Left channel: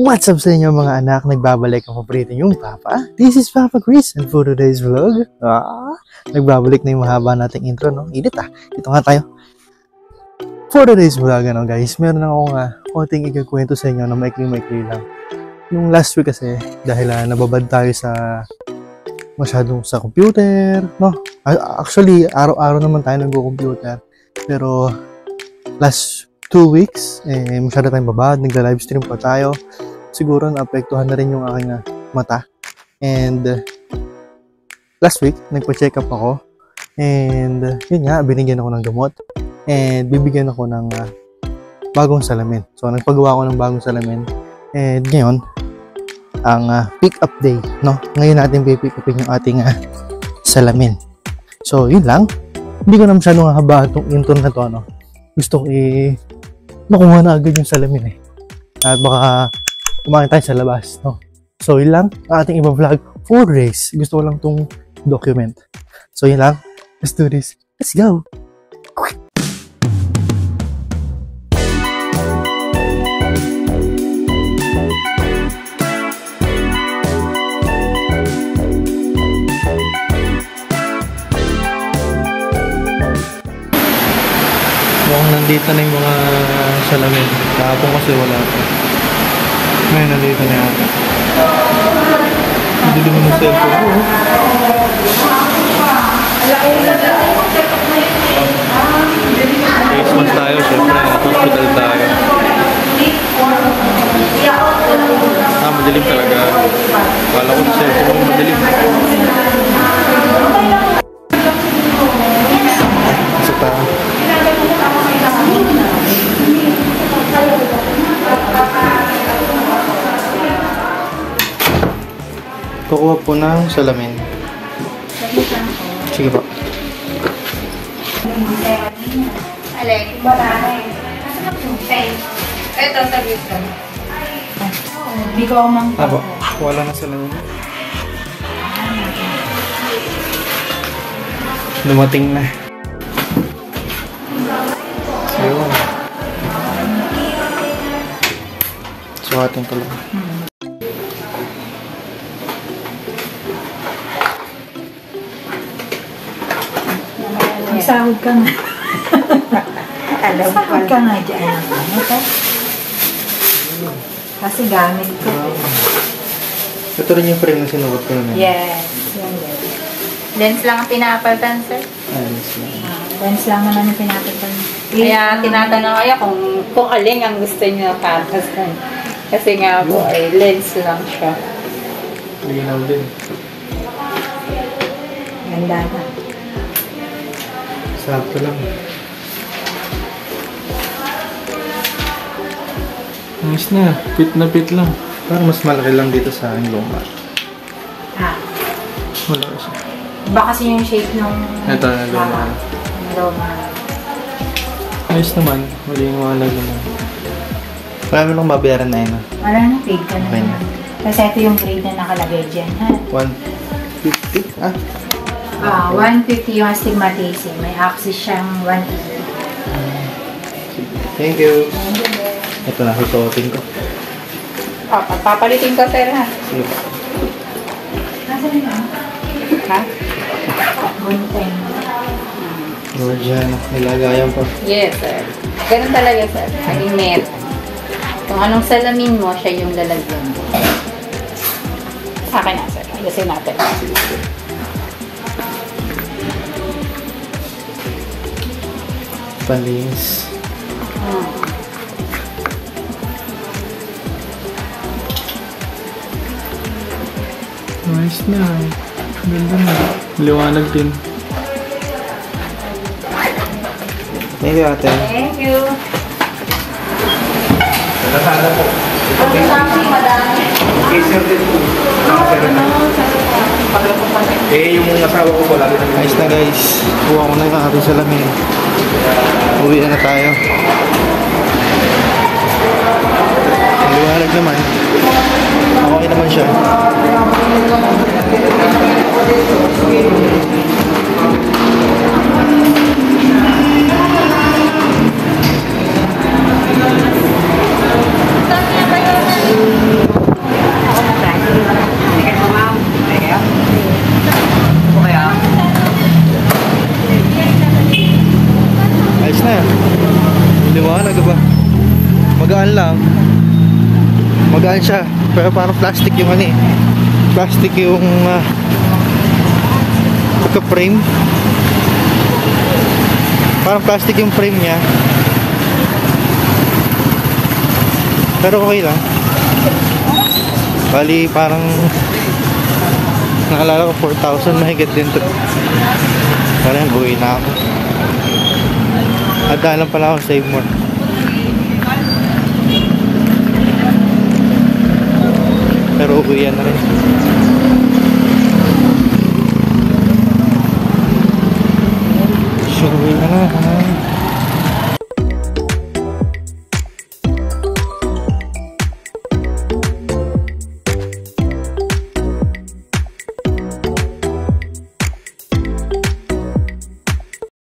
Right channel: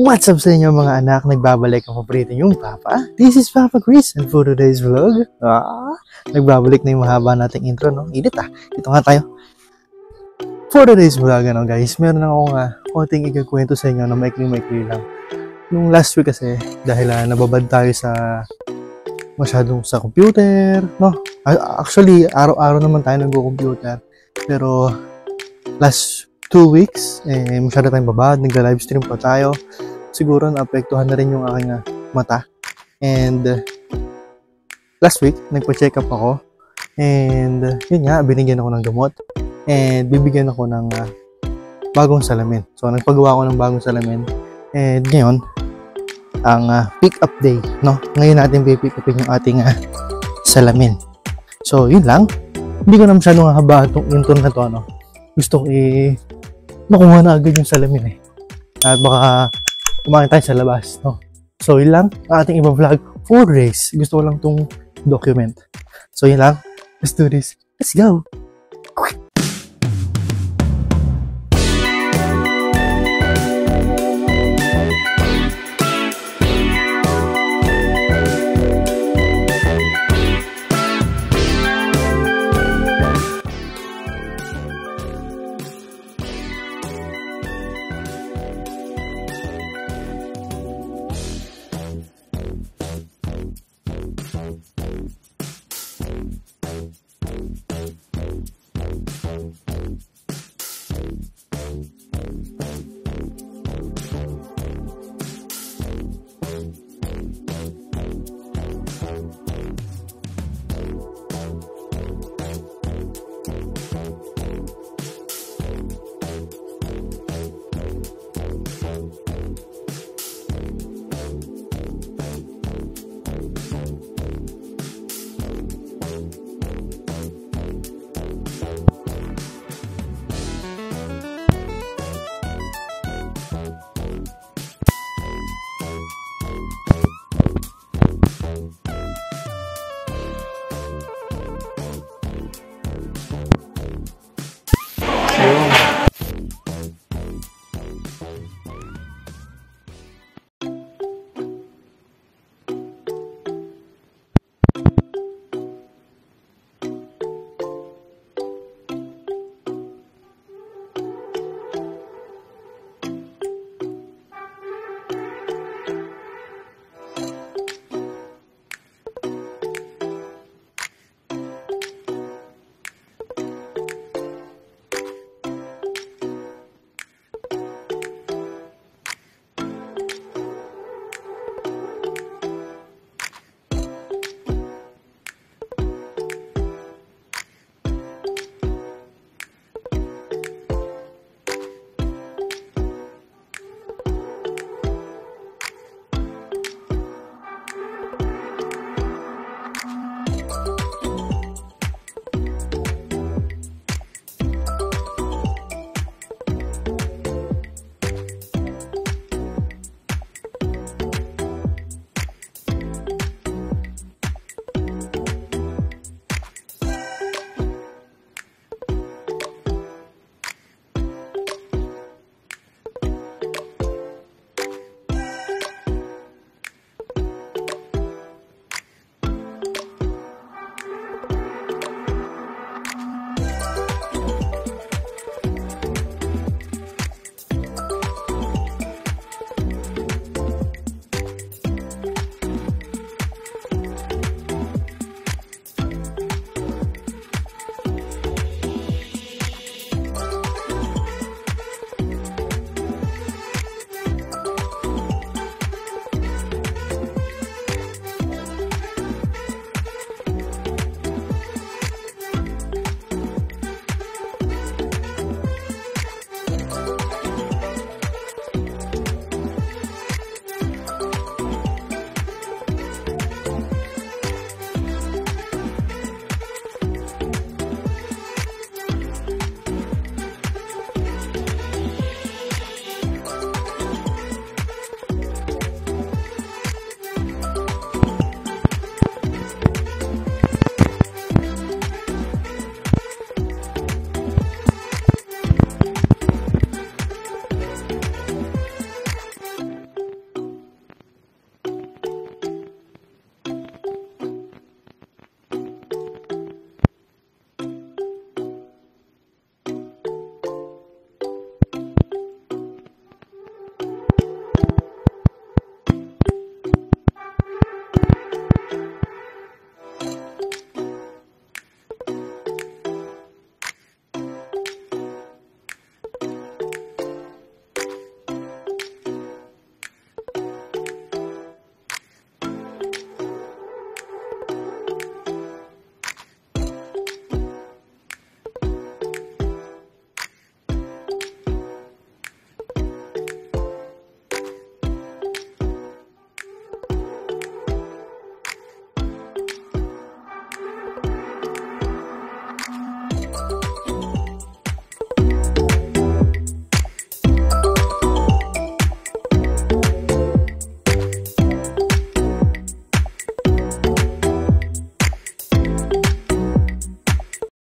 What's up sa inyo mga anak? Nagbabalik ang paborito yung Papa. This is Papa Chris and for today's vlog, nagbabalik na yung mahaba nating intro, no? Edit Ito nga tayo. For today's vlog, guys, meron akong konting ikakwento sa inyo na maikli-maikli lang. Nung last week kasi, dahil nababad tayo sa masyadong sa computer, no? Actually, araw-araw naman tayo nag-computer. Pero last 2 weeks, masyado tayong babad, nagla-livestream pa tayo. Siguro naapektuhan na rin yung aking mata. And last week, nagpa-check up ako. And yun nga, binigyan ako ng gamot. And bibigyan ako ng bagong salamin. So, nagpagawa ako ng bagong salamin. And ngayon, ang pick up day, no? Ngayon natin pick upin yung ating salamin. So, yun lang. Hindi ko na masyadong haba itong intro na to, no? Gusto ko nakuha na agad yung salamin at baka kumain tayo sa labas, no? So yun lang ang ating ibang vlog for days. Gusto ko lang tong document. So yun lang, let's do this, let's go. Nandito na yung mga salamin. Kahapon kasi wala pa. Ngayon nandito na yata. Hindi naman yung cellphone ko. Next month tayo, syempre. Hospital tayo. Madilim talaga. Kala ko sa cellphone ko madilim. Isa pa. Kukuha po ng salamin. Sige po. Alek, ito sabi ko. Hindi ko mang po. Wala na salamin. Dumating na. Ayun. Sukatin ko lang. Sahod ka nga. Sahod ka nga dyan. Kasi gamit ko. Ito rin yung frame na sinukat ko naman. Yes. Lens lang ang pinapalitan, sir. Lens lang. Lens lang naman ang pinapalitan. Kaya tinatanong kayo kung alin ang gusto niyo katas. Kasi nga po ay lens lang siya. Linaw din. Ganda na. Sakto lang. Nice na. Fit na fit lang. Parang mas malaki lang dito sa aking luma. Wala kasi. Iba kasi yung shape ng ito na luma. Luma. Nice naman. Maliwanag naman. Marami lang mabayaran na yun. Wala na, paid ka na. Kasi ito yung grade na nakalagay dyan. 150? 150 yung astigmatism. May access siyang 180. Thank you. Ito na, susuotin ko. Papalitin ko, sir, ha? Sige po. Nasaan yun? Ha? Gunting. O, dyan. Nilagayan ko. Yes, sir. Ganun talaga, sir. Ang net. Kung anong salamin mo, siya yung lalagyan mo. Sa akin na, sir. Kasi natin. Palis. Nice na. Ganda na. Liwanag din. Thank you, ate. Thank you. Nasaan po? Ang sabi, madami. Yung asawa ko pala. Ayos na, guys. Kuha ko na yung aking salamin. Uwi na tayo. Liwanag naman. Okay naman siya. magaan siya. Pero parang plastic yung ano eh. Plastic yung frame. Parang plastic yung frame niya. Pero okay lang. Bali parang naalala ko 4,000 mahigit din to. Parang buhay na ako. Handa lang pala ako save more. Pero uwi yan na rin.